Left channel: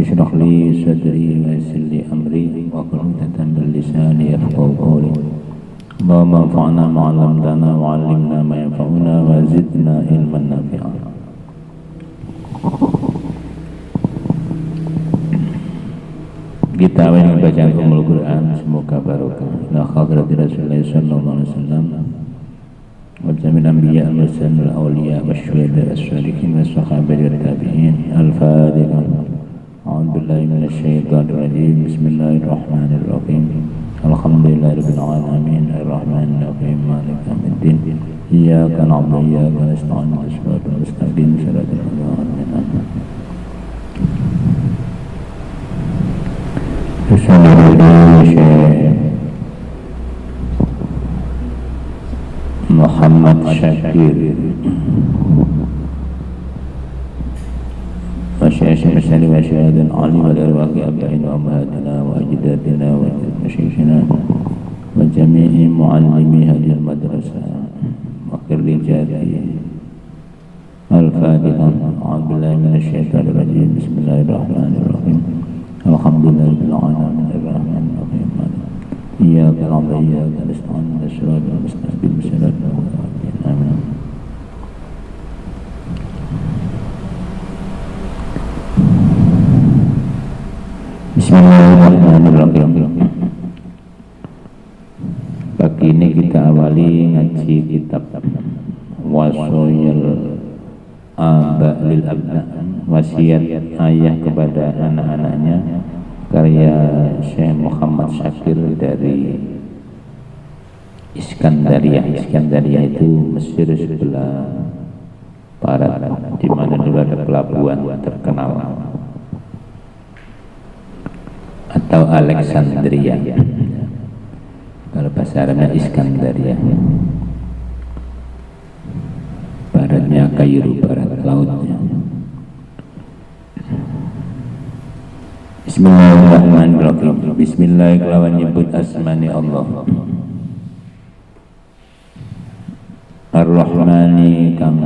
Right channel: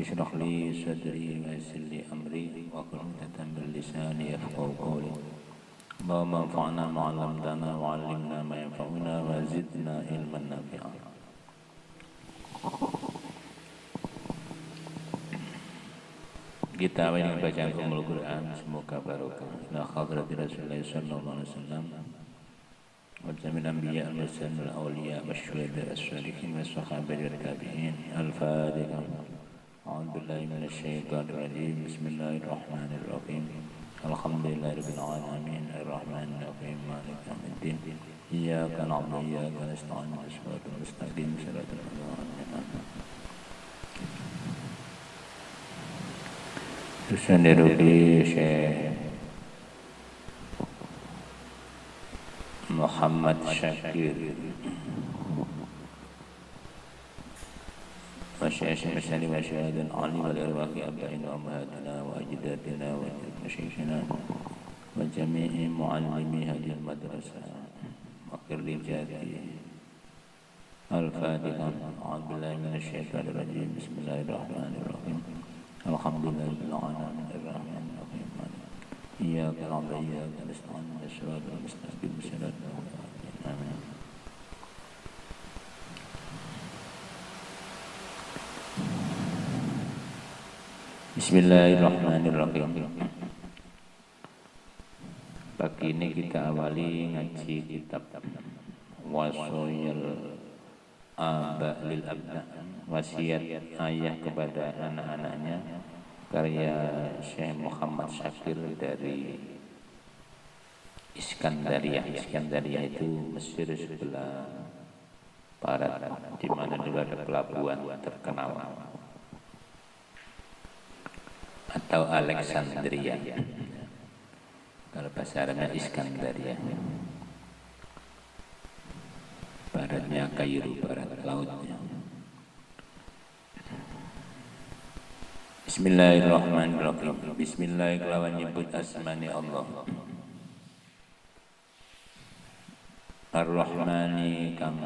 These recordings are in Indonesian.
اشرح لي صدري ويسر لي أمري واحلل عقدة من لساني يفقهوا قولي اللهم انفعنا ما علمتنا وعلمنا ما ينفعنا وزدنا علما نافعا. Kita awal membaca Al Quran, semoga barokah. Ila hadrati Rasulullah sallallahu alaihi wasallam wa jami'il anbiya wal mursalin wal awliya wasyuhada was-shalihin was-sahabati wat-tabi'in. Al-Fatihah. A'udzu billahi minasy syaithanir rajim. Bismillahirrahmanirrahim. Alhamdulillahirabbil alamin arrahmanir rahim maliki yaumiddin. Iyyaka na'budu wa iyyaka nasta'in ihdinas siratal mustaqim siratal ladzina an'amta 'alaihim. Syekh Muhammad Syakir wa Syekh Masyari wa Syahadun alim wal irwaqi abain wa ummahatina wa ajdatina wa masyayikhina wa jami'i muallimi hadhihi al-madrasah wa khirrijati. Al-Fatihah. A'udzu billahi minasy syaithanir rajim. Bismillahirrahmanirrahim. Alhamdulillahirabbil alamin arrahmanir rahim. Iyyaka na'budu wa iyyaka nasta'in ihdinas siratal mustaqim siratal ladzina an'amta 'alaihim. Bismillahirrahmanirrahim. Pagi ini kita awali ngaji kitab Wasoyil Aba lil Abna, wasiat ayah kepada anak-anaknya, karya Syekh Muhammad Syakir dari Iskandaria. Iskandaria itu Mesir sebelah barat, di mana dulu ada pelabuhan terkenal, atau Alexandria. Kalau bahasa Arabnya Iskandaria. Baratnya Kairo, barat lautnya. Bismillahirrahmanirrahim. Bismillahirrahmanirrahim. Nyebut asmani Allah. Ar-Rahmani kang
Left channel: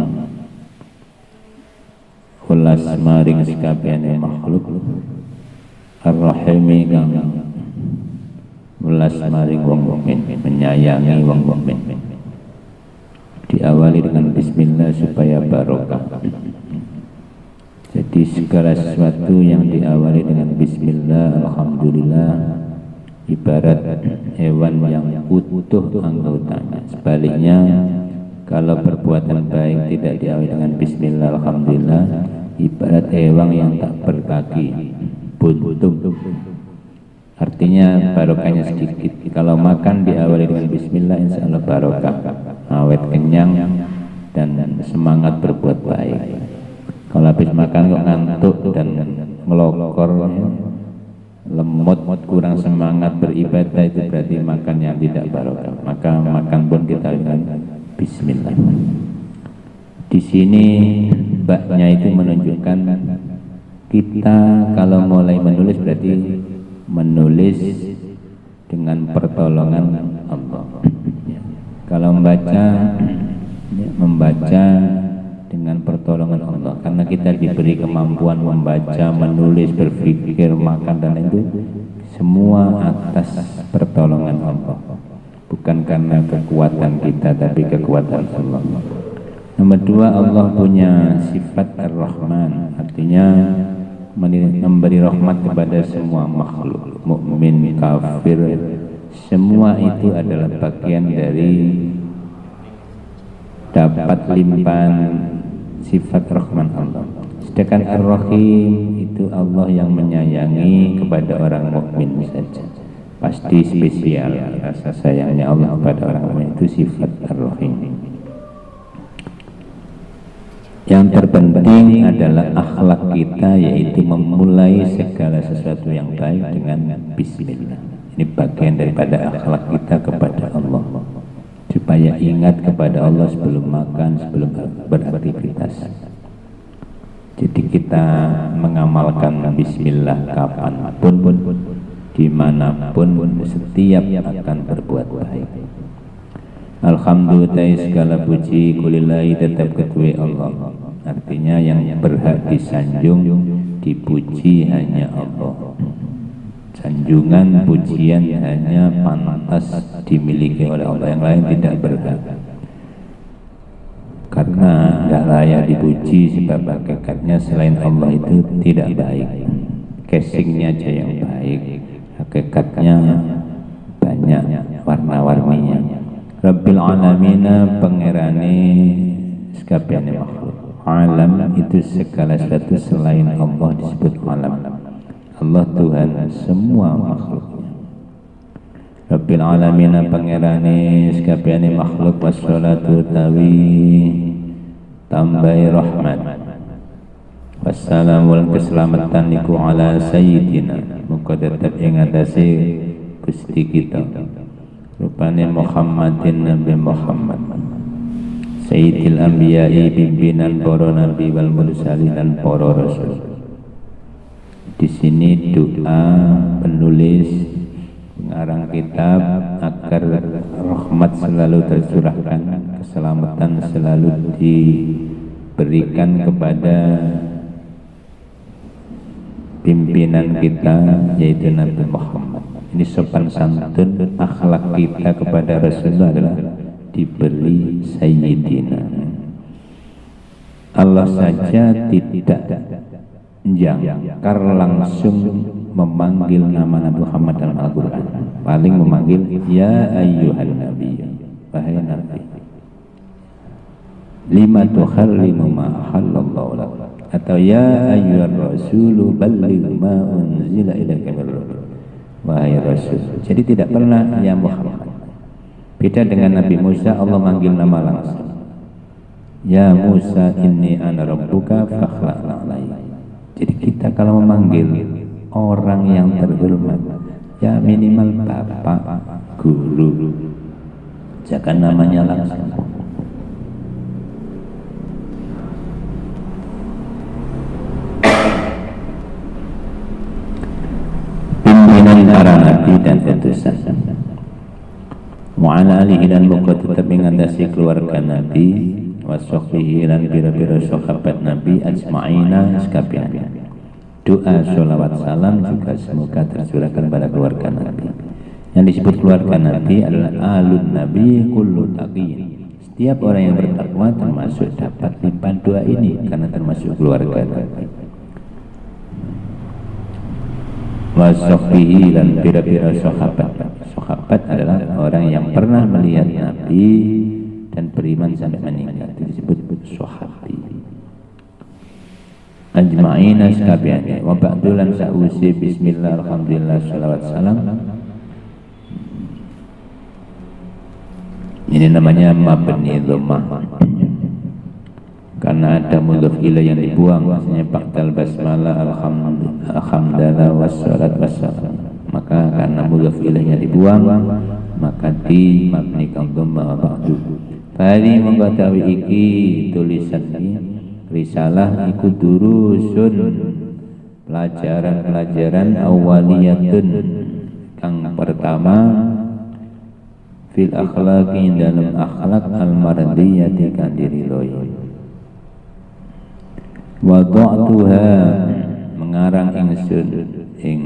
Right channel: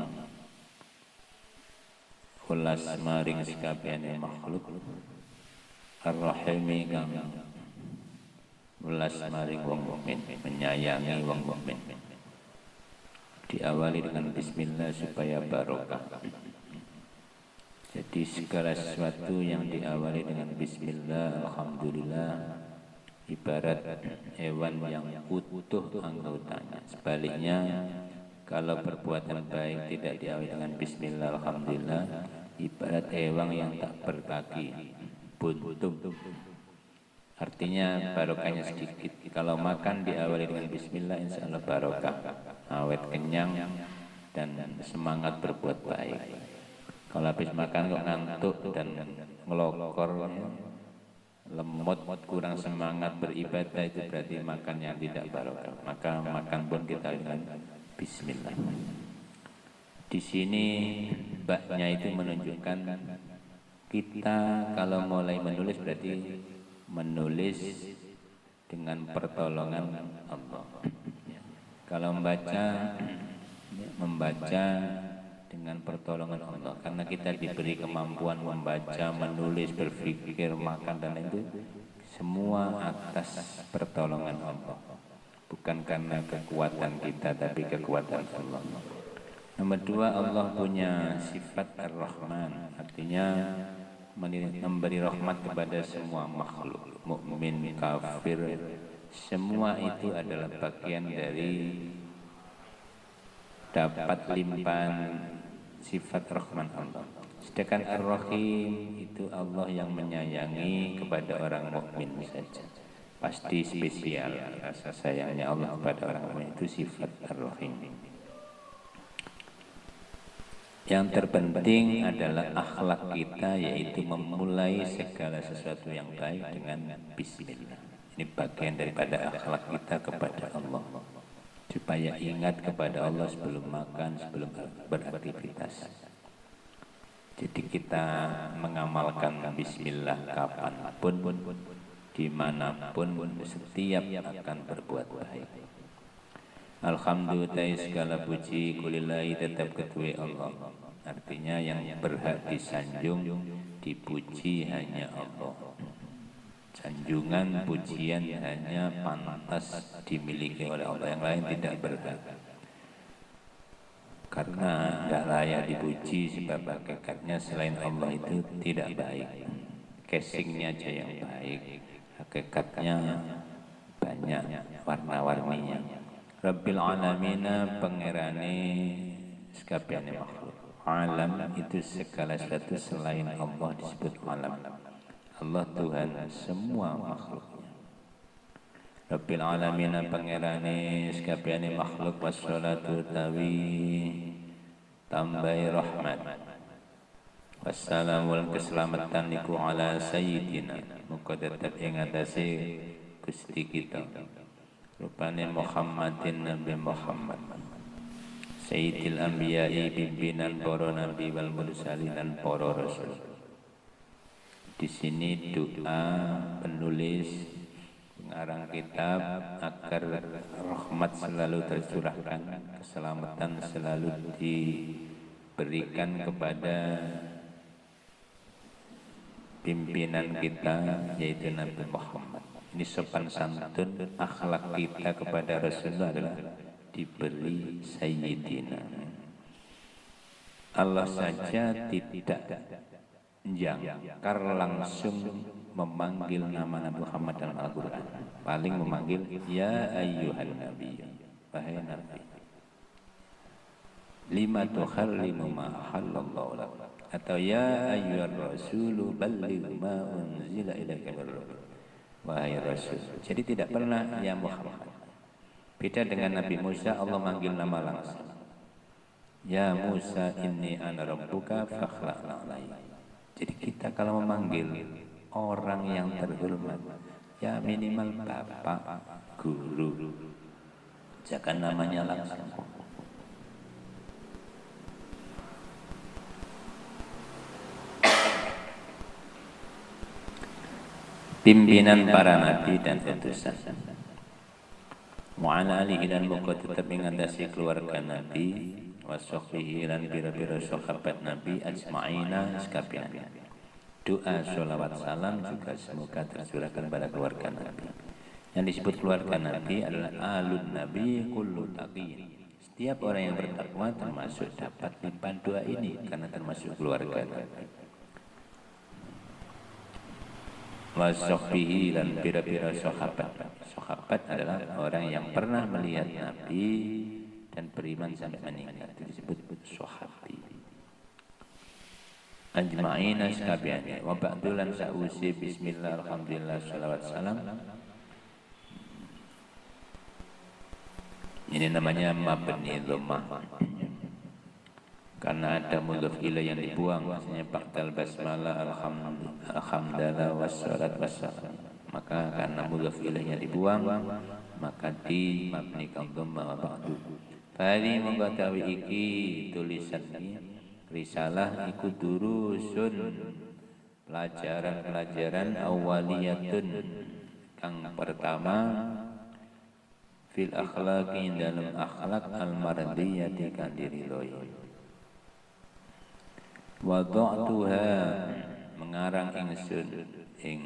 ulas maring sakabehane makhluk. Ar-Rahimi kang ulas maring wong mukmin, menyayangi wong mukmin. Diawali dengan bismillah supaya barokah. Jadi segala sesuatu yang diawali dengan bismillah, alhamdulillah, ibarat hewan yang utuh anggotanya. Sebaliknya, kalau perbuatan baik tidak diawali dengan bismillah, alhamdulillah, ibarat hewan yang tak berkaki, buntung. Artinya barokahnya sedikit. Kalau makan diawali dengan bismillah, insya Allah barokah, awet kenyang dan semangat berbuat baik. Kalau habis makan kok ngantuk dan ngelokor, lemot, kurang semangat beribadah, itu berarti makan yang tidak barokah. Maka makan pun kita dengan bismillah. Di sini baknya itu menunjukkan kita kalau mulai menulis berarti menulis dengan pertolongan Allah. Kalau membaca dengan pertolongan Allah, karena kita diberi kemampuan membaca, menulis, berpikir, makan, dan itu semua atas pertolongan Allah, bukan karena kekuatan kita, tapi kekuatan Allah. Nomor dua, Allah punya sifat Ar-Rahman, artinya memberi rahmat kepada semua makhluk, mukmin, kafir, semua itu adalah bagian dari dapat limpahan sifat Rahman Allah. Sedangkan Ar-Rahim itu Allah yang menyayangi kepada orang mukmin saja. Pasti spesial rasa sayangnya Allah kepada orang mukmin, itu sifat Ar-Rahim. Yang terpenting adalah akhlak kita, yaitu memulai segala sesuatu yang baik dengan bismillah. Ini bagian daripada akhlak kita kepada Allah, supaya ingat kepada Allah sebelum makan, sebelum beraktivitas. Jadi kita mengamalkan bismillah kapanpun, dimanapun, setiap akan berbuat baik. Alhamdulillah, segala puji kulillahi tetap kedua Allah. Artinya yang berhak disanjung, dipuji hanya Allah. Sanjungan pujian hanya pantas dimiliki oleh Allah, yang lain tidak berhak. Karena tidak layak dipuji sebab hakikatnya selain Allah itu tidak baik. Casingnya aja yang baik, hakikatnya banyak warna-warninya. Rabbil alamina, pangerane sekabehane makhluk. Alam itu segala sesuatu selain Allah disebut alam. Allah Tuhan semua makhluknya. Rabbil alamina, pangerane sekabehane makhluk. Wassalatu tawi tambai rahmat. Wassalamul keselamatan niku ala sayyidina, muga tetep ing atase Gusti kita rupane Muhammadin, Nabi Muhammad Sayyidil Anbiya'i, pimpinan para nabi wal mursalin dan para rasul. Di sini doa penulis pengarang kitab agar rahmat selalu tercurahkan, keselamatan selalu diberikan kepada pimpinan kita yaitu Nabi Muhammad. Ini sopan santun akhlak kita kepada Rasulullah adalah diberi Sayyidina. Allah saja tidak jangkar langsung memanggil nama Nabi Muhammad dalam Al-Quran. Paling memanggil ya ayyuhan nabi, wahai nabi, lima tuharrimu ma halallahu lak, atau ya ayyuhar rasulu balligh ma unzila ilaika min rabbik, wahai rasul. Jadi tidak pernah ya Muhammad. Beda dengan Nabi Musa, Allah manggil nama langsung. Ya Musa inni ana rabbuka fakhla'na alayya. Jadi kita kalau memanggil orang yang terhormat, ya minimal bapak, guru, jangan namanya langsung. Pimpinan para nabi dan utusan. Mu'ala alihi dan muka tetap mengatasi keluarga nabi, wasokhihi dan bira-bira sahabat nabi ajma'ina sekalian. Doa sholawat salam juga semoga tercurahkan pada keluarga nabi. Yang disebut keluarga nabi adalah alun nabi kullu taqiyyin. Setiap orang yang bertakwa termasuk dapat limpahan doa ini karena termasuk keluarga nabi. Wasokhihi dan bira-bira sahabat. Sahabat adalah orang yang pernah melihat nabi dan beriman sampai meninggal, itu disebut sahabi. Ajma'ina sekalian. Wa ba'dulan sa'usi bismillah alhamdulillah salawat salam. Ini namanya mabni dhammah. Karena ada mudhaf ilaih yang dibuang, maksudnya ba'dal basmalah alhamdulillah wassalat wassalam. Maka karena mudhaf ilaihnya dibuang, maka di mabnikan dhammah ba'du. Tadi mengetahui iki tulisan ini risalah iku durusun, pelajaran-pelajaran awaliyatun kang pertama fil akhlaqi, dalam akhlak al-mardiyati kang diridhoi. Wada'tuha, mengarang ingsun ing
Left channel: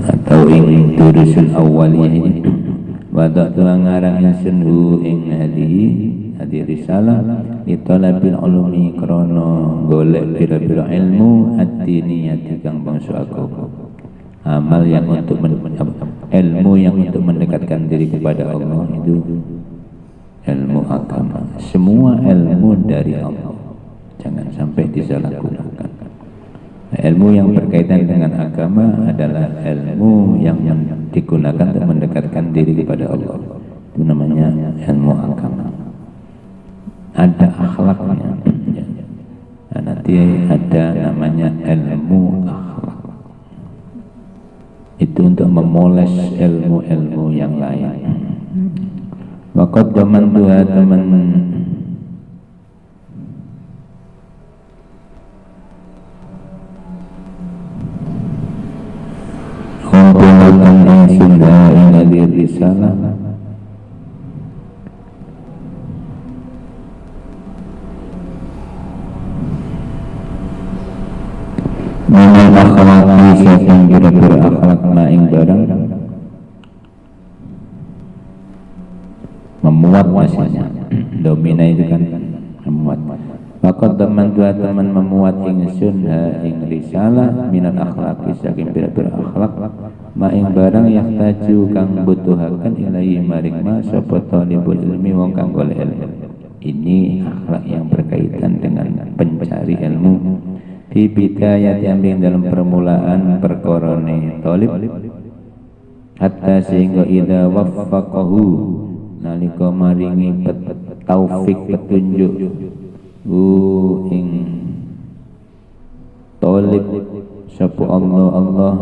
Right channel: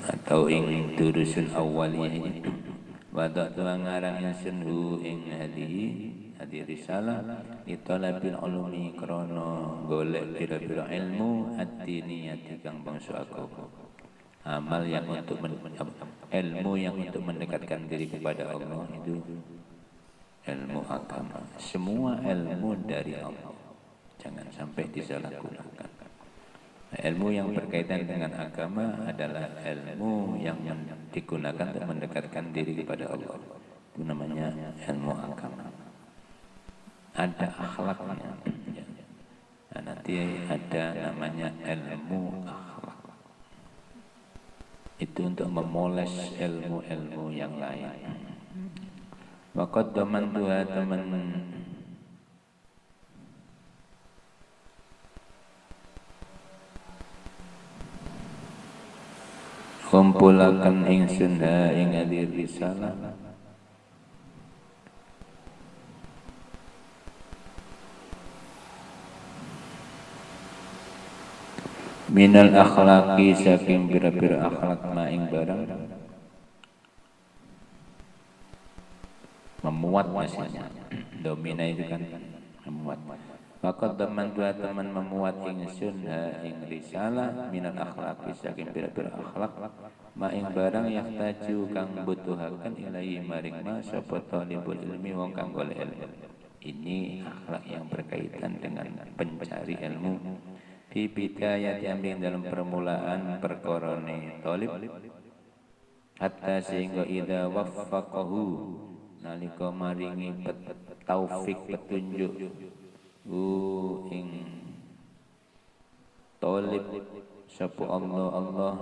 atau ing durusul awaliyah ini. Wada'tu ngarang ingsun hu ing hadi risalah litalabil ulumi, krana golek pira-pira ilmu ad-diniyati kang bangsa agama. Amal yang untuk ilmu yang untuk mendekatkan diri kepada Allah itu ilmu agama. Semua ilmu dari Allah, jangan sampai disalahgunakan. Ilmu yang berkaitan dengan agama adalah ilmu yang digunakan untuk mendekatkan diri kepada Allah. Itu namanya ilmu agama. Ada akhlaknya. Nah, nanti ada namanya ilmu akhlak. Itu untuk memoles ilmu-ilmu yang lain. Waqad zaman dua teman kumpulakan yang sudah ingadir risalah memuat maksudnya. Domina itu kan memuat. Maka teman memuat ingsun ing risalah minal akhlaqi saking pira-pira akhlak ma ing barang yahtaju kang butuhaken ilahi maring ma sapa talibul ilmi wong kang golek ilmu. Ini akhlak yang berkaitan dengan pencari ilmu. Fi bidayat yang dalam permulaan perkorone talib hatta sehingga idza waffaqahu nalika maringi taufik petunjuk ing talib sapa Allah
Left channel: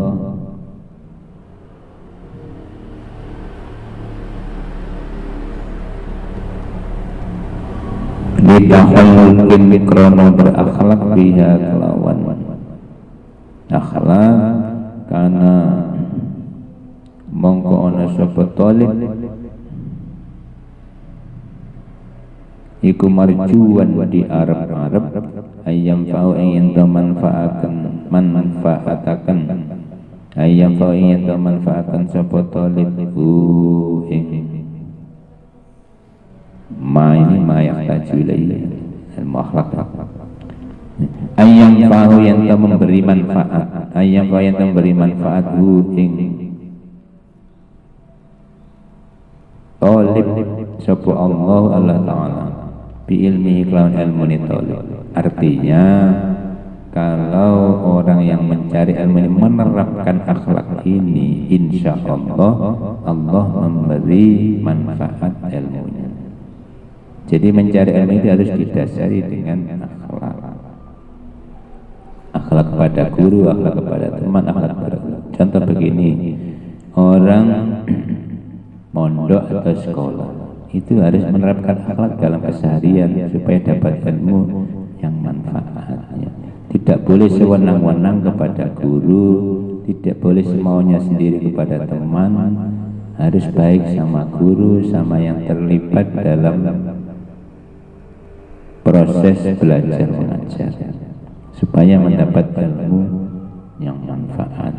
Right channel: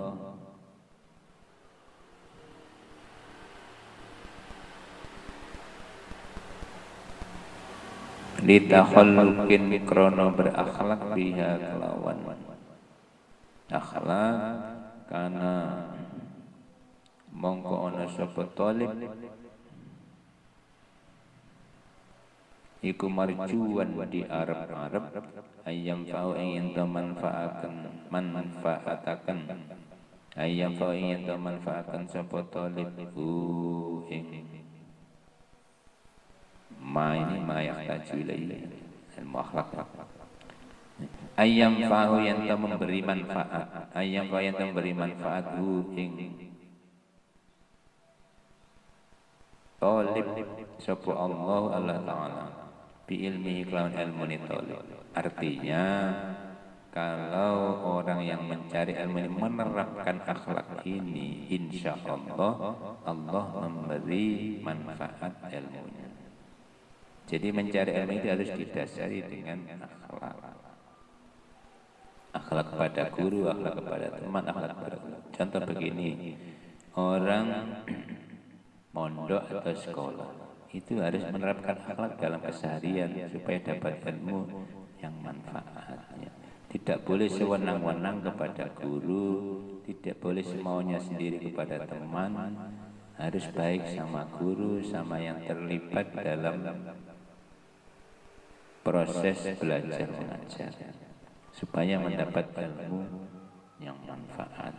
lidahulukin mikrono berakhlak biha kelawan akhlak karena mongko ana sapa talib iku marjuan di Arab ayam fa'u ing manfaataken ayam fa'u ing manfaataken sapa talib ing ma yahtaju ilaihi al-akhlaq ayam fa'u yang memberi manfaat ayam fa'u yang memberi manfaat ing talib sapa Allah Ta'ala bi ilmi kelawan ilmu talib. Artinya kalau orang yang mencari ilmu ini menerapkan akhlak ini, insya Allah Allah memberi manfaat ilmunya. Jadi mencari ilmu itu harus didasari dengan akhlak. Akhlak kepada guru, akhlak kepada teman, akhlak kepada contoh begini, orang mondok atau sekolah itu harus menerapkan akhlak dalam keseharian supaya dapat ilmu yang manfaatnya. Tidak boleh sewenang-wenang kepada guru, tidak boleh semaunya sendiri kepada teman, harus baik sama guru, sama yang terlibat dalam proses belajar mengajar supaya mendapat ilmu yang manfaat.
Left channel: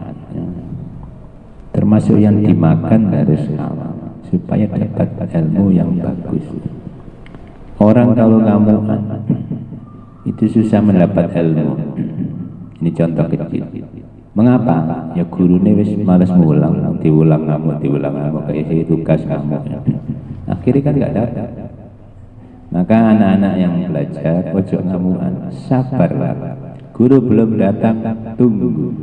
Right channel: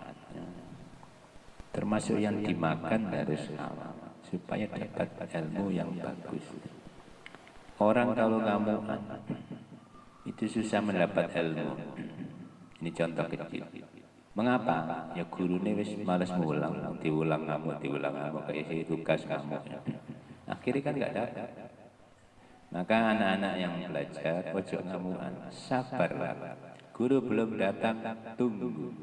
Termasuk yang dimakan harus halal supaya dapat ilmu yang bagus. Orang kalau ngamukan itu susah mendapat ilmu. Ini contoh kecil. Mengapa? Ya gurunya wis malas ngulang, diulang ngamuk kayak tugas ngamuk. Akhirnya kan nggak dapat. Maka anak-anak yang belajar ojo ngamukan, sabarlah. Guru belum datang, tunggu.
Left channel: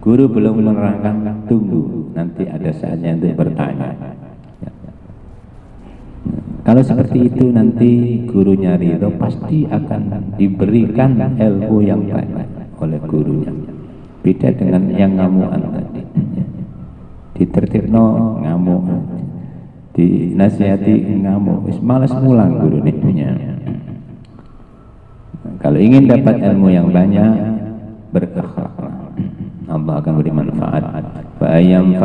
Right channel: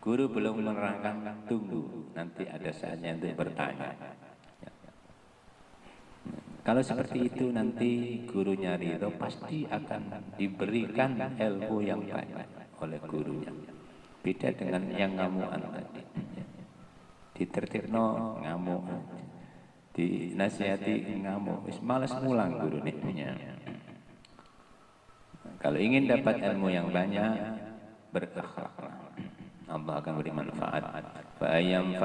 Guru belum menerangkan, tunggu. Nanti ada saatnya untuk bertanya. Kalau seperti itu nanti gurunya ridho pasti akan diberikan ilmu yang banyak oleh gurunya. Beda dengan yang ngamuan tadi. Ditertibno ngamuk, dinasihati ngamuk, malas mulang guru punya. Kalau ingin dapat ilmu yang banyak, berakhlak. Allah akan beri manfaat. Fa ayam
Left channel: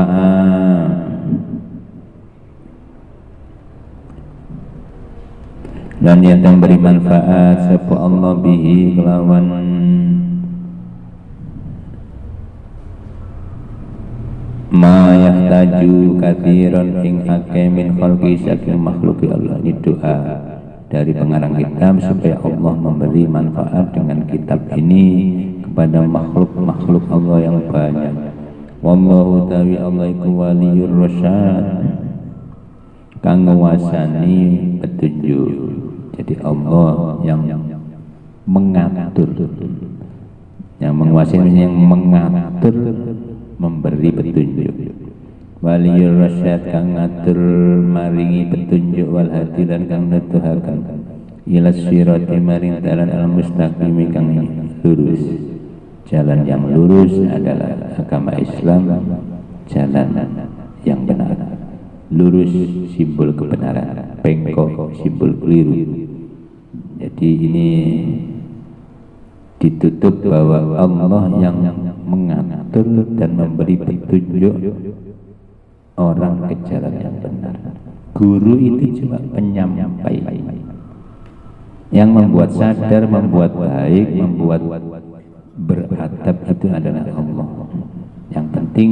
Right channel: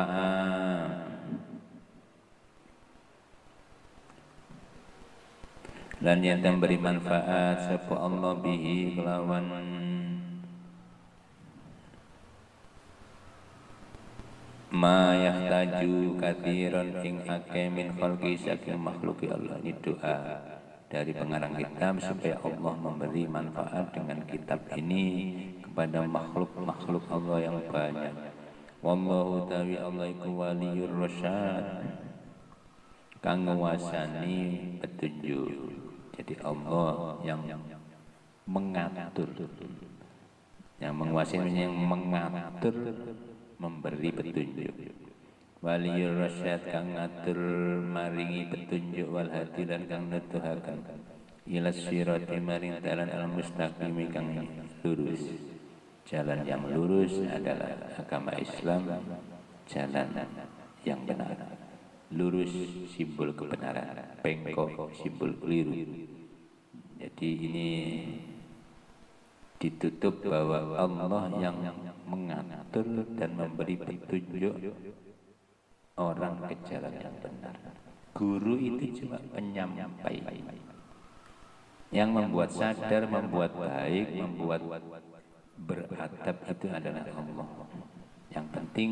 dan yang beri manfaat sapa Allah bihi kelawan ma yahtaju katsiran ing akeh min khalqi saking makhluki Allah. Ini doa dari pengarang kitab supaya Allah memberi manfaat dengan kitab ini kepada makhluk-makhluk Allah yang banyak. Wallahu ta'ala Allah iku waliyur rasyad kang nguasani petunjuk. Jadi Allah yang mengatur, yang menguasai, yang mengatur, memberi petunjuk. Waliyur rasyad kang ngatur maringi petunjuk wal hadi lan kang nuduhaken ila sirati maring dalan al mustaqim kang lurus. Jalan yang lurus adalah agama Islam, jalan yang benar. Lurus simbol kebenaran, bengkok simbol keliru. Jadi ini ditutup bahwa Allah yang mengatur dan memberi petunjuk orang ke jalan yang benar. Guru itu cuma penyampai, yang membuat sadar, membuat baik, membuat beradab itu adalah Allah. Yang penting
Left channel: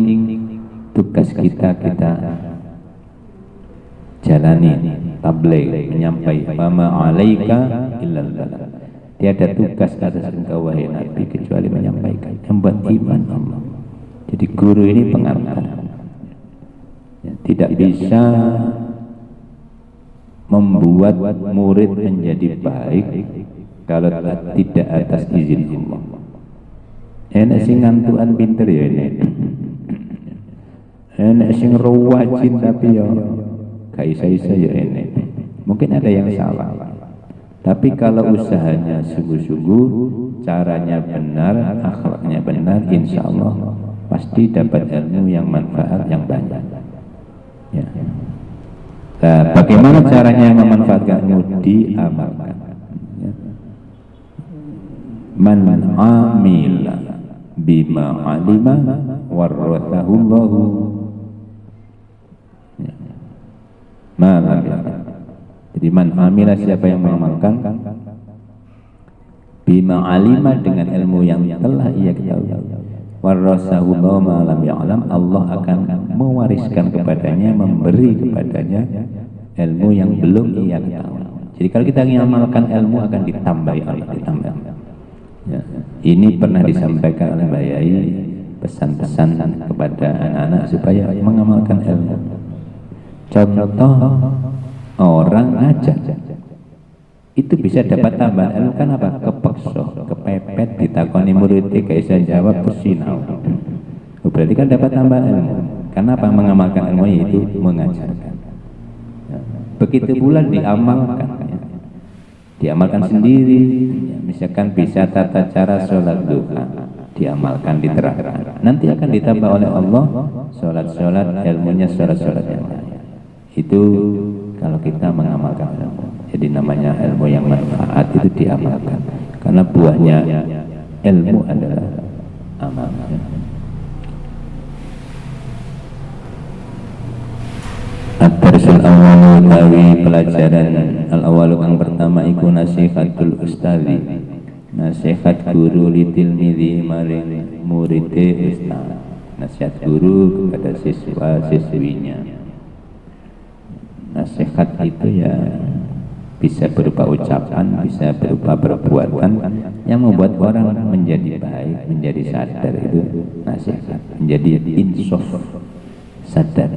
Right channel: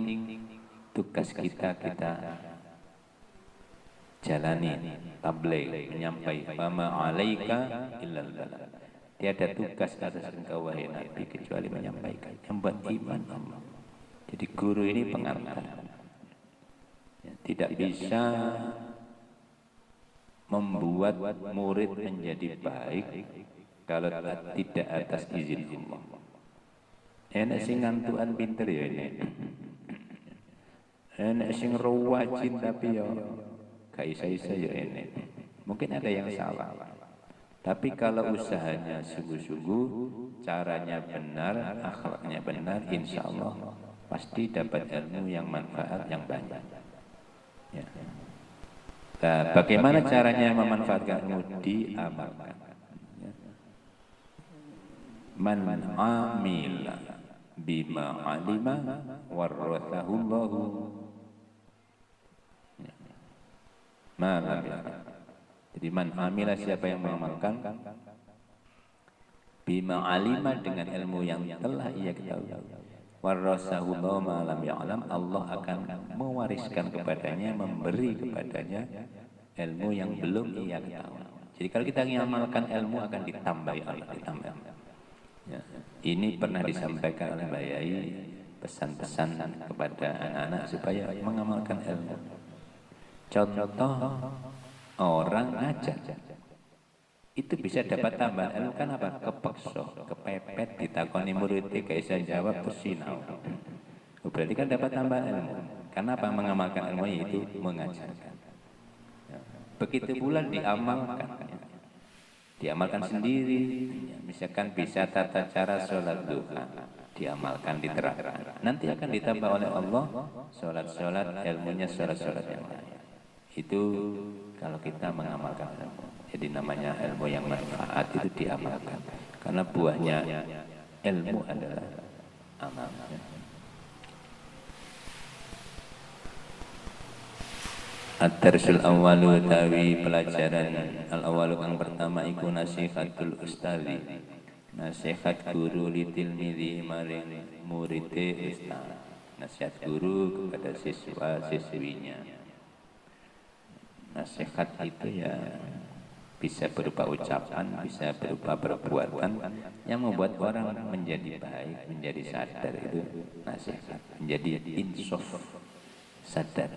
tugas kita menjalani tabligh, menyampaikan fama 'alaika illal balagh. Tiada tugas atas engkau wahai Nabi kecuali menyampaikan, membuat iman Allah. Jadi guru ini pengantar. Tidak bisa membuat murid menjadi baik kalau tidak atas izin Allah. Enak sing ngantukan pinter ya ini. Enak sing rajin tapi ya gak isa-isa ya ini. Mungkin ada yang salah. Tapi kalau usahanya sungguh-sungguh, caranya benar, akhlaknya benar, insya Allah pasti dapat ilmu yang manfaat yang banyak. Ya. Nah, bagaimana caranya memanfaatkan ilmu? Diamalkan. Ya. Man amila bima alima warrathahullahu malam. Jadi man amila, siapa yang mengamalkan bima alima, dengan ilmu yang telah ia ketahui, warrathahullahu malam ya'lam, Allah akan mewariskan kepadanya, memberi kepadanya ilmu yang belum ia ketahui. Jadi kalau kita mengamalkan ilmu akan ditambah Allah, ditambah. Ya. Ini pernah disampaikan oleh Mbak Yai, pesan-pesan kepada anak-anak supaya mengamalkan ilmu. Contoh orang ngajar itu bisa dapat tambahan ilmu kan apa? Kepeksa, kepepet, ditakoni murid gak bisa jawab, bersinau. Berarti kan dapat tambahan ilmu. Karena apa? Mengamalkan ilmu itu mengajarkan. Begitu pula diamalkan. Diamalkan sendiri, misalkan bisa tata cara sholat duha, diamalkan, diterapkan. Nanti akan ditambah oleh Allah sholat-sholat, ilmunya sholat-sholat yang lain. Itu kalau kita mengamalkan ilmu. Jadi namanya ilmu yang manfaat itu diamalkan. Karena buahnya ilmu adalah amal. At-darsul awal utawi pelajaran al-awal yang pertama iku nasihatul ustazi, nasihat guru litilmidhi maring muride ustaz. Nasihat guru kepada siswa siswinya. Nasihat itu ya bisa berupa ucapan, bisa berupa perbuatan yang membuat orang menjadi baik, menjadi sadar. Itu nasihat, menjadi insaf, sadar.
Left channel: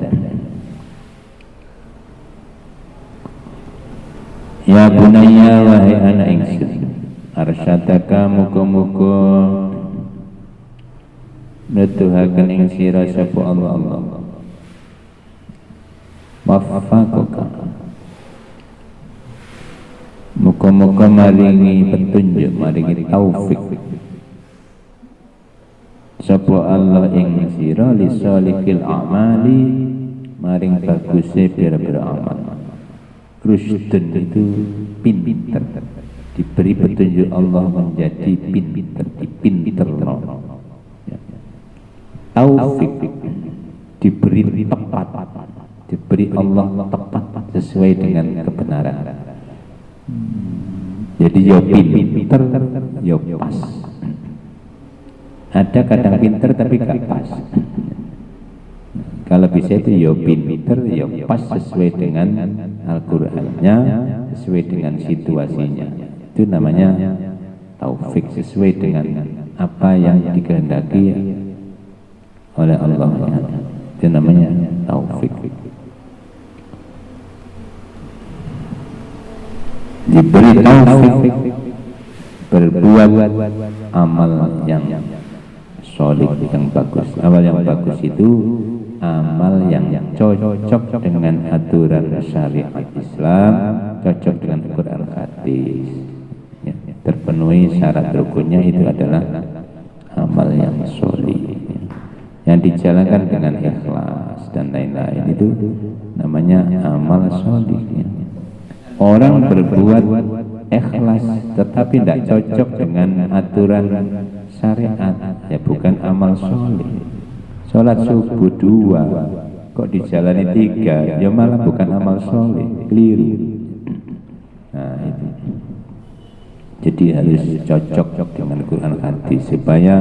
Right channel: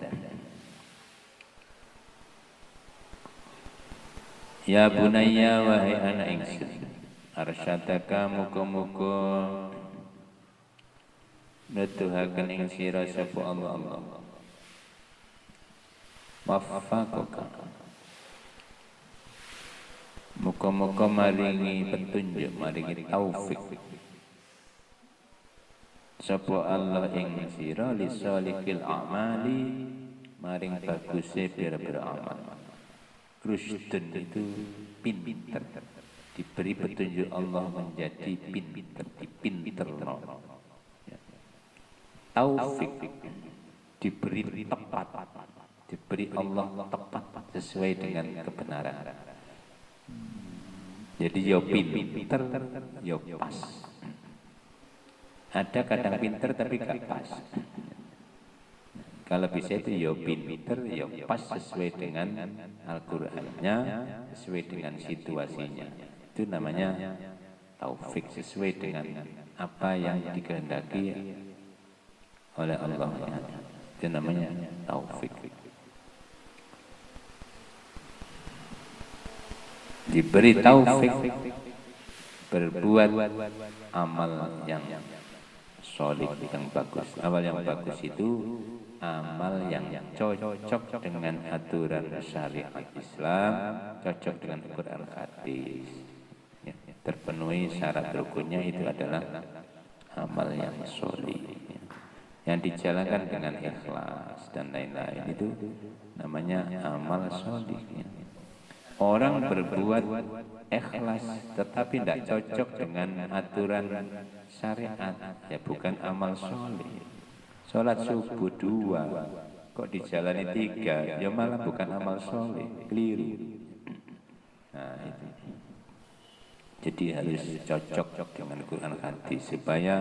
Ya bunayya, wahai anak ingsun, arsyadaka muga-muga nuduhaken ing sira sapa Allah. Waffaqaka, muga-muga maringi petunjuk, maringi taufik sapa Allah ing sira li salihil a'mali, maring baguse pira-pira amal. Rusdun itu pinter, diberi petunjuk Allah menjadi pinter, dipinterno. Taufik diberi tepat, diberi Allah tepat sesuai dengan kebenaran. Jadi yo pinter, yo pas. Ada kadang pinter tapi gak pas. Kalau bisa itu yo pinter, yo pas sesuai dengan Al-Qur'annya, sesuai dengan situasinya. Itu namanya taufik, sesuai dengan apa yang dikehendaki oleh Allah. Itu namanya taufik. Diberi taufik berbuat amal yang solid, yang bagus. Amal yang bagus itu amal yang cocok dengan aturan syariat Islam, cocok dengan Quran hadis, ya, terpenuhi syarat rukunnya, itu adalah amal yang solid, yang dijalankan dengan ikhlas dan lain-lain, itu namanya amal solid. Ya. Orang berbuat ikhlas tetapi tidak cocok dengan aturan syariat, ya bukan amal solid. Sholat subuh 2 kok dijalani 3, ya malah bukan amal soleh, keliru. Nah itu. Jadi harus cocok dengan Quran hadis supaya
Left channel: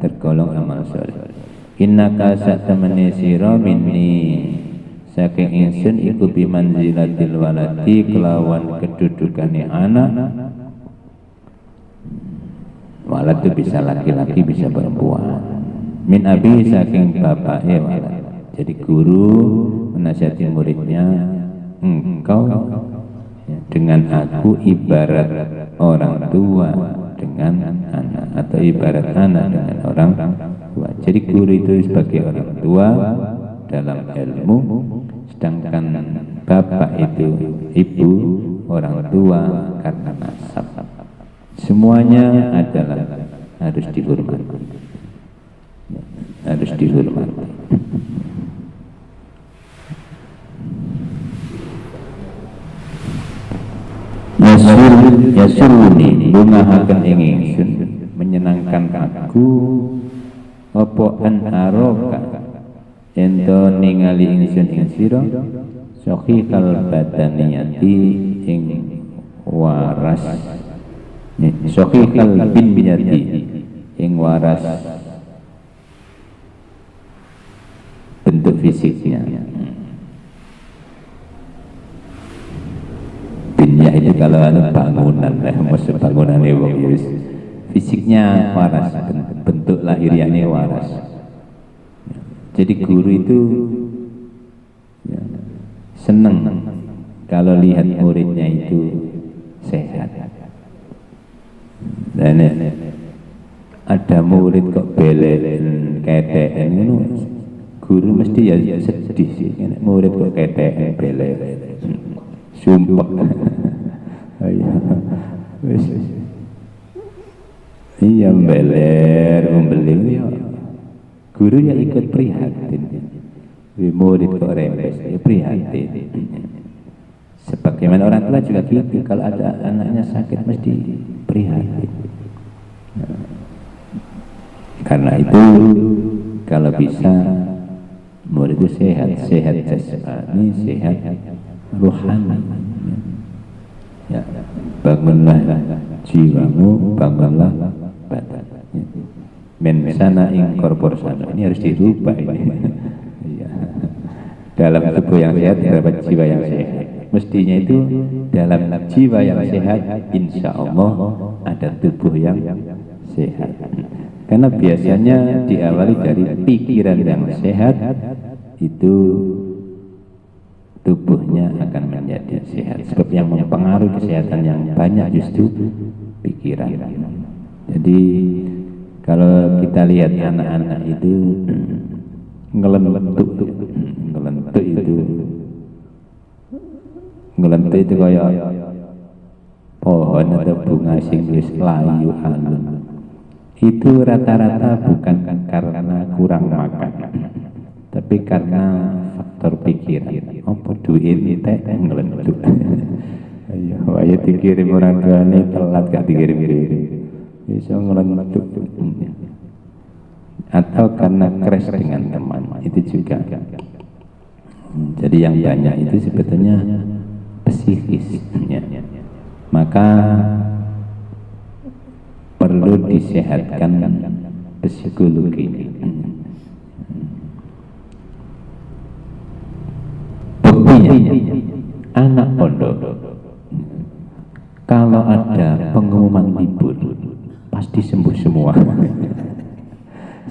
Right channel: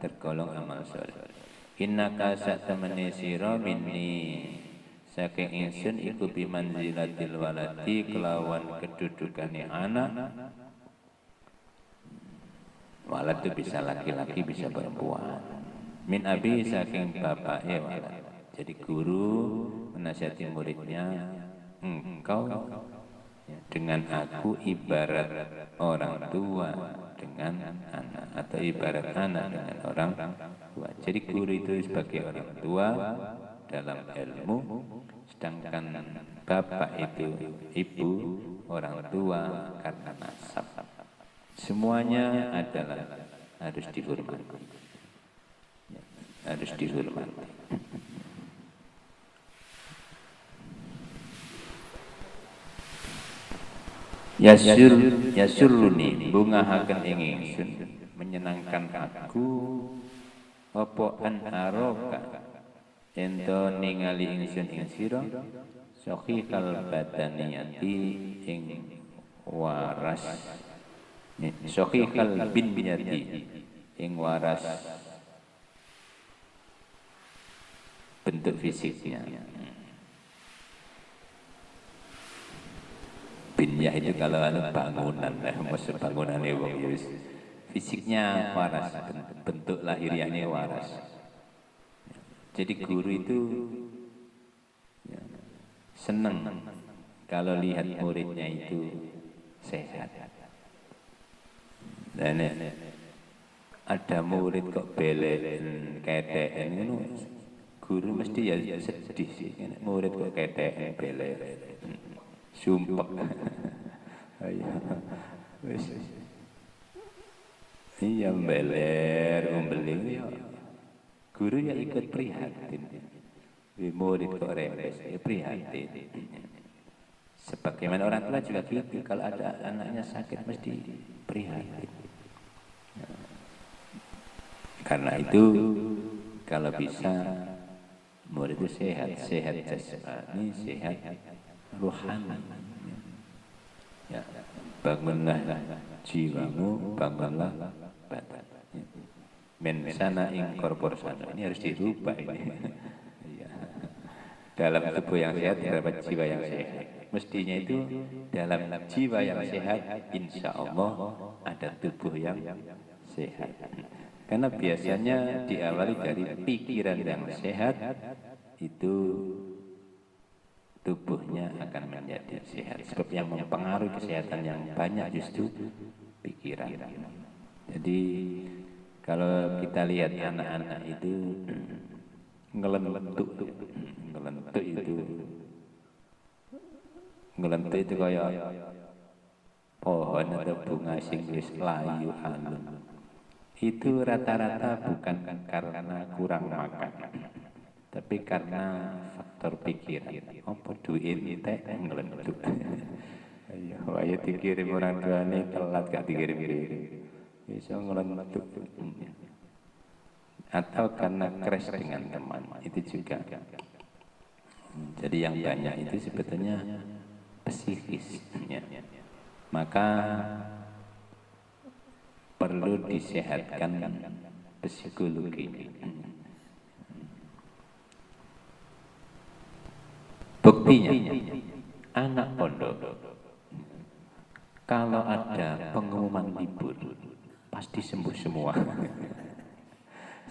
tergolong amal soleh. Innaka satamani sira minni saking ingsun iku bimanzilatil waladi kelawan kedudukane anak. Walad itu bisa laki-laki bisa perempuan. Min abi saking bapaknya walad. Jadi guru menasihati muridnya, engkau dengan aku ibarat orang tua dengan anak, atau ibarat anak dengan orang tua. Jadi guru itu sebagai orang tua dalam ilmu, sedangkan bapak itu ibu, orang tua karena nasab. Semuanya adalah harus dihormati, harus dihormati. Yasuruni bungahaken ing ingsun, menyenangkan aku apa an aroka ento ningali ingsun ing sira sahihal badaniyati ing waras, sahihal biniyati ing waras bentuk fisiknya. Binnya itu kalau ada bangunan, maksud bangunan wong fisiknya waras, bentuk lahiriannya waras. Jadi guru itu ya, senang kalau lihat muridnya itu sehat. Dan ada murid kok belel ketek itu, guru mesti ya sedih sih. Murid kok ketek belel, sumpah. Iya beler membeling ya. Guru ya ikut prihatin. Murid kok rembes, ya prihatin. Sebagaimana orang tua juga gitu, kalau ada anaknya sakit mesti prihatin. Karena itu kalau bisa murid itu sehat, sehat jasmani, sehat rohani. Ya, bangunlah jiwamu, bangunlah badan. Men sana ing korpor sana, ini harus dirubah ini. Ya. Dalam tubuh yang sehat terdapat jiwa yang sehat. Mestinya itu dalam jiwa yang sehat, insya Allah ada tubuh yang sehat. Karena biasanya diawali dari pikiran yang sehat, itu tubuhnya akan menjadi sehat. Sebab yang mempengaruhi kesehatan yang banyak justru pikiran. Jadi kalau kita lihat anak-anak itu ngelentuk itu kayak pohon atau bunga sing wis layu halus. Itu rata-rata bukan karena kurang makan, tapi karena faktor pikiran. Apa duit teh ngelentuk. Ayo, ayo dikirim orang tuane telat gak dikirim-kirim. Bisa ngelentuk. Atau karena crash dengan teman, itu juga. Jadi yang banyak itu sebetulnya psikis. Maka perlu disehatkan psikologi. Buktinya anak pondok kalau ada pengumuman libur pasti sembuh semua.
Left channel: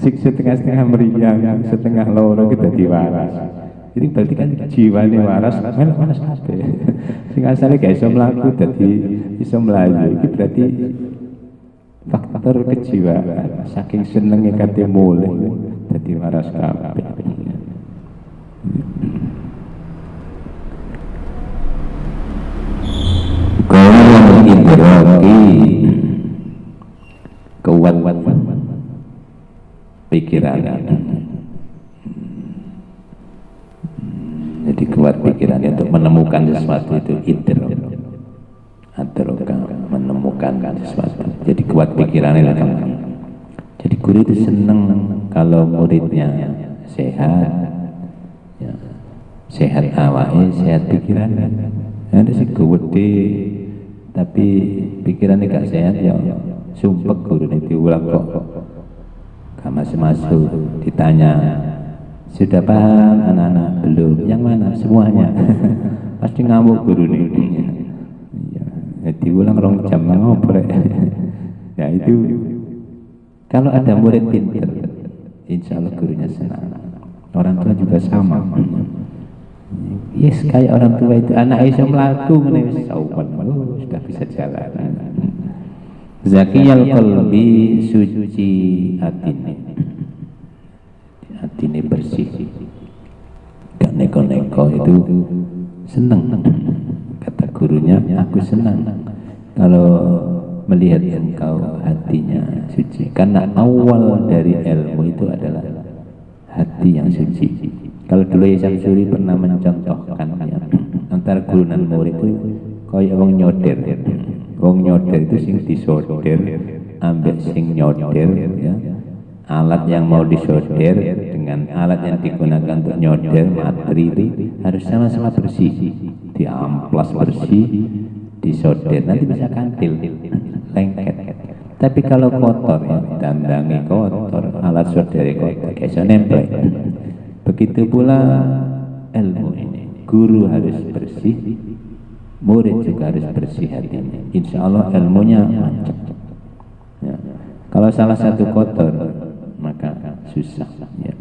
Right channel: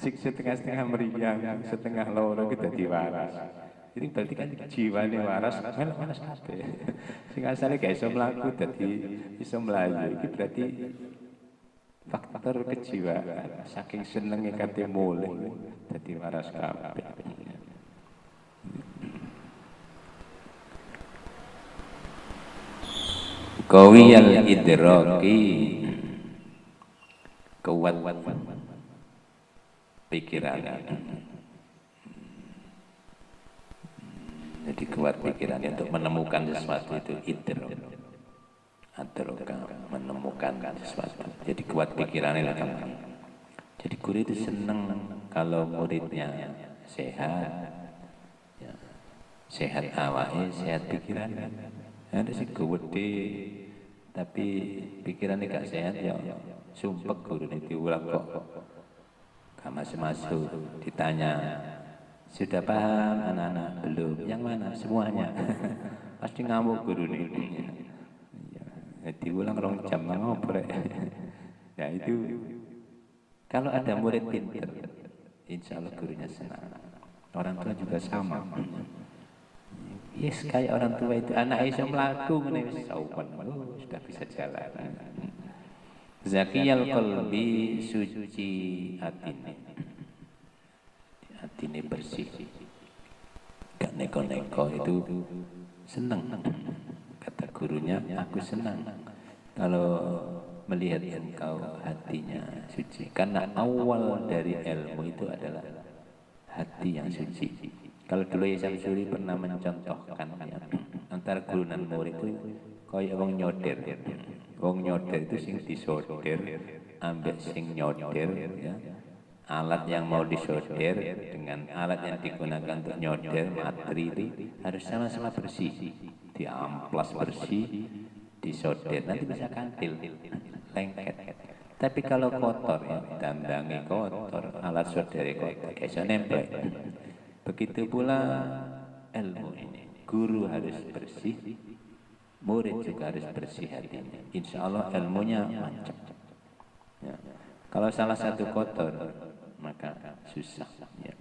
Setengah-setengah meriang, setengah loro kita diwaras. Jadi berarti kan jiwane waras, waras kabeh. Sing asale gak iso mlaku dadi iso mlayu. Iki berarti faktor kejiwaan. Saking senenge kate mulih dadi waras kabeh. Kau yang idraki kuat pikiran. Jadi kuat pikirannya untuk menemukan sesuatu itu idrak. Adroka menemukan sesuatu. Jadi kuat pikirannya lah kamu. Jadi guru itu senang kalau muridnya sehat, ya, sehat awalnya, sehat pikirannya. Ada sih gede, tapi pikirannya gak sehat ya. Sumpah guru itu ulang kok. Gak masuk-masuk ditanya Sudah paham anak-anak? Belum. Yang mana? Semuanya. Pasti ngamuk guru nih. Jadi ulang rong jam ngobrol. Ya itu kalau ada murid pintar, insya Allah gurunya senang. Orang tua juga sama. Yes, kayak orang tua itu anak Aisyah melaku menulis saupan, sudah bisa jalan. Zakiyal qalbi, suci hatine. Hatine bersih. Gak neko-neko itu senang. Kata gurunya, aku senang kalau melihat engkau hatinya suci. Karena awal dari ilmu itu adalah hati yang suci. Kalau dulu Isam Suri pernah mencontohkan ya, antara guru dan murid itu kayak wong nyoder. Wong nyoder itu sing disoder, ambek sing nyoder ya. Alat yang mau disoder dengan alat yang digunakan untuk nyoder materi itu harus sama-sama bersih. Diamplas bersih, disoder, nanti bisa kantil, lengket. Tapi kalau kotor ya, dandangi kotor, alat soder kotor, bisa nempel. Begitu pula ilmu ini, guru harus bersih, murid juga harus bersih hatinya. Insya Allah ilmunya mantap. Ya. Kalau salah satu kotor, maka susah. Ya.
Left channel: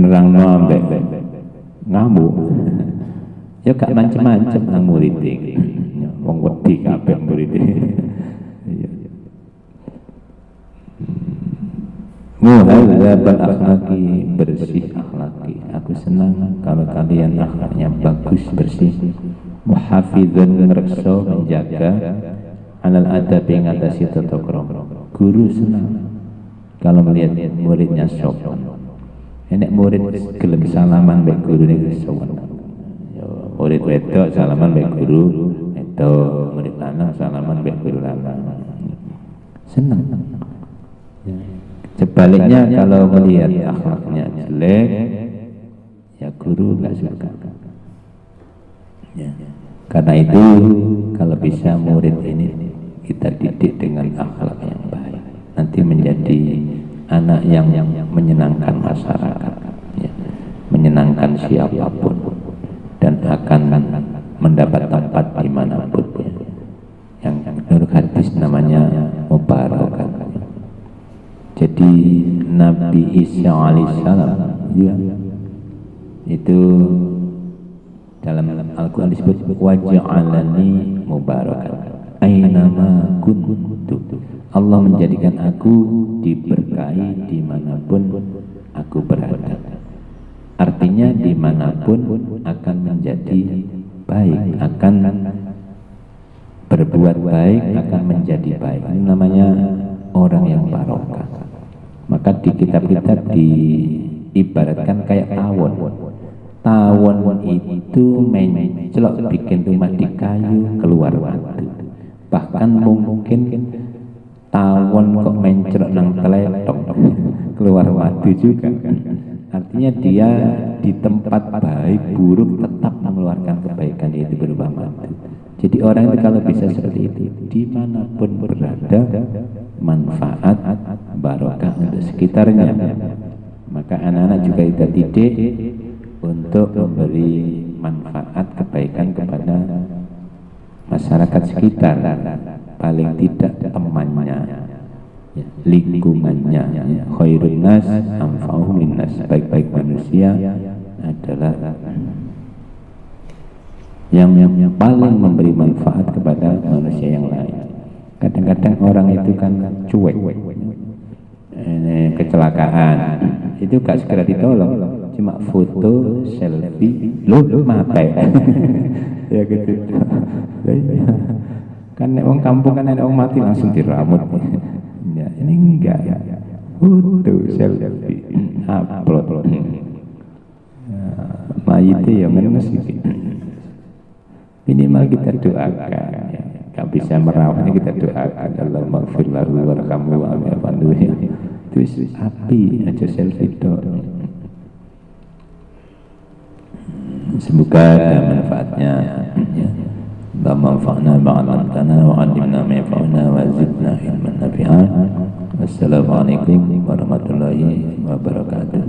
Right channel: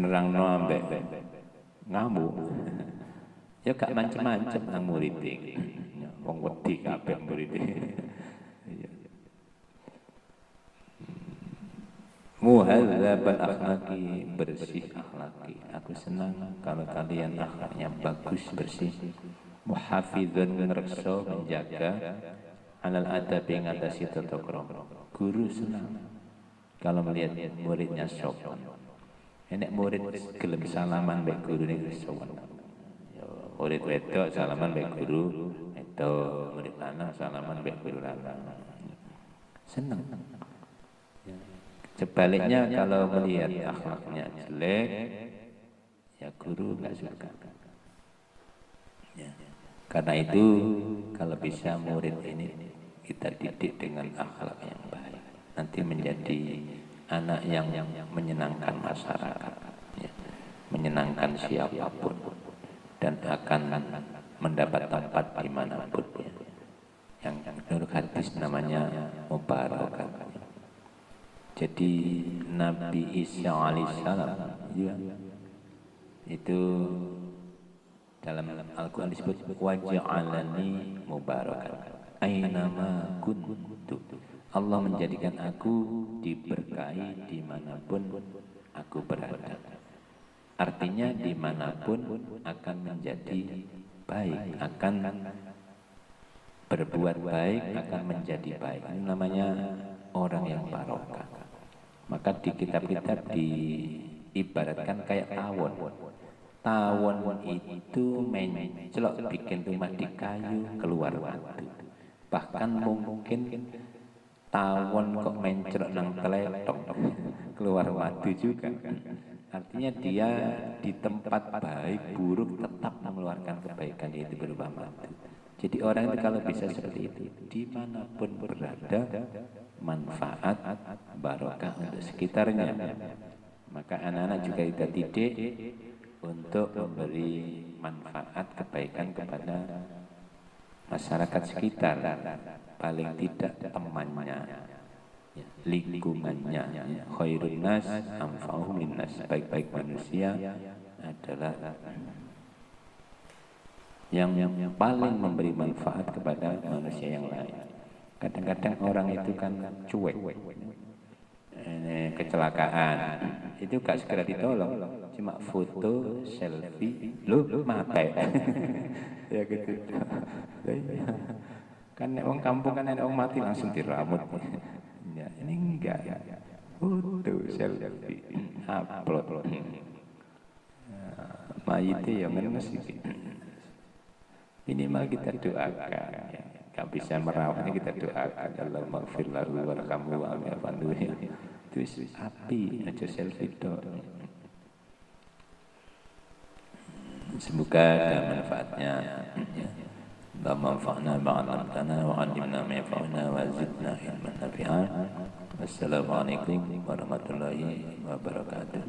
Nerang ambek ngamuk. Ya gak macam-macam nang murid iki. Wong wedi kabeh murid iki. Muhadzabal akhlaqi, bersih akhlaki. Aku senang kalau kalian akhlaknya bagus, bersih. Muhafizun, reksa, menjaga. Alal adab yang atasi tata krama. Guru senang kalau melihat muridnya sopan. Enek murid gelem salaman mbek gurune wis sopan. Murid wedok salaman mbek guru wedok, murid lanang salaman mbek guru lanang. Senang. Sebaliknya kalau melihat akhlaknya jelek, ya guru nggak suka. Ya. Karena itu kalau bisa murid ini kita didik dengan akhlak yang baik, nanti menjadi anak yang menyenangkan masyarakat, ya. Menyenangkan siapapun dan akan mendapat tempat dimanapun. Ya. Yang menurut hadis namanya mubarakah. Jadi Nabi Isa alaihissalam ya, itu dalam Al-Quran disebut waj'alani mubarakan ainama kuntu. Allah menjadikan aku diberkahi dimanapun aku berada. Artinya dimanapun akan menjadi baik, akan berbuat baik, akan menjadi baik. Ini namanya orang yang barokah. Maka di kitab-kitab diibaratkan kayak tawon. Tawon itu mencelok bikin rumah di kayu keluar watu. Bahkan mungkin tawon kok mencelok nang teletok keluar watu juga. Artinya dia di tempat baik buruk tetap mengeluarkan kebaikan, yaitu berupa watu. Jadi orang itu kalau bisa seperti itu, dimanapun berada, manfaat barokah untuk sekitarnya. Maka anak-anak juga kita didik untuk memberi manfaat kebaikan kepada masyarakat sekitar, paling tidak temannya, lingkungannya. Khairun nas anfa'uhum linnas, baik-baik manusia adalah yang paling memberi manfaat kepada manusia yang lain. Kadang-kadang orang itu kan cuek, kecelakaan, itu gak segera ditolong, cuma foto, selfie, lu mati. Ya gitu. Kan orang kampung kan ada orang mati langsung diramut. Ya, ini enggak. Foto, selfie, upload. Mayit ya menes gitu. Minimal kita doakan ya. Gak bisa merawatnya kita doakan Allah maghfir lahu warhamhu wa'afi'anhu ya. Terus api aja selfie dong. Semoga ada manfaatnya ya. Manfa'na ba'alamtana wa'alimna ma'fa'na wa zidna ilman nafi'an. Wassalamualaikum warahmatullahi wabarakatuh.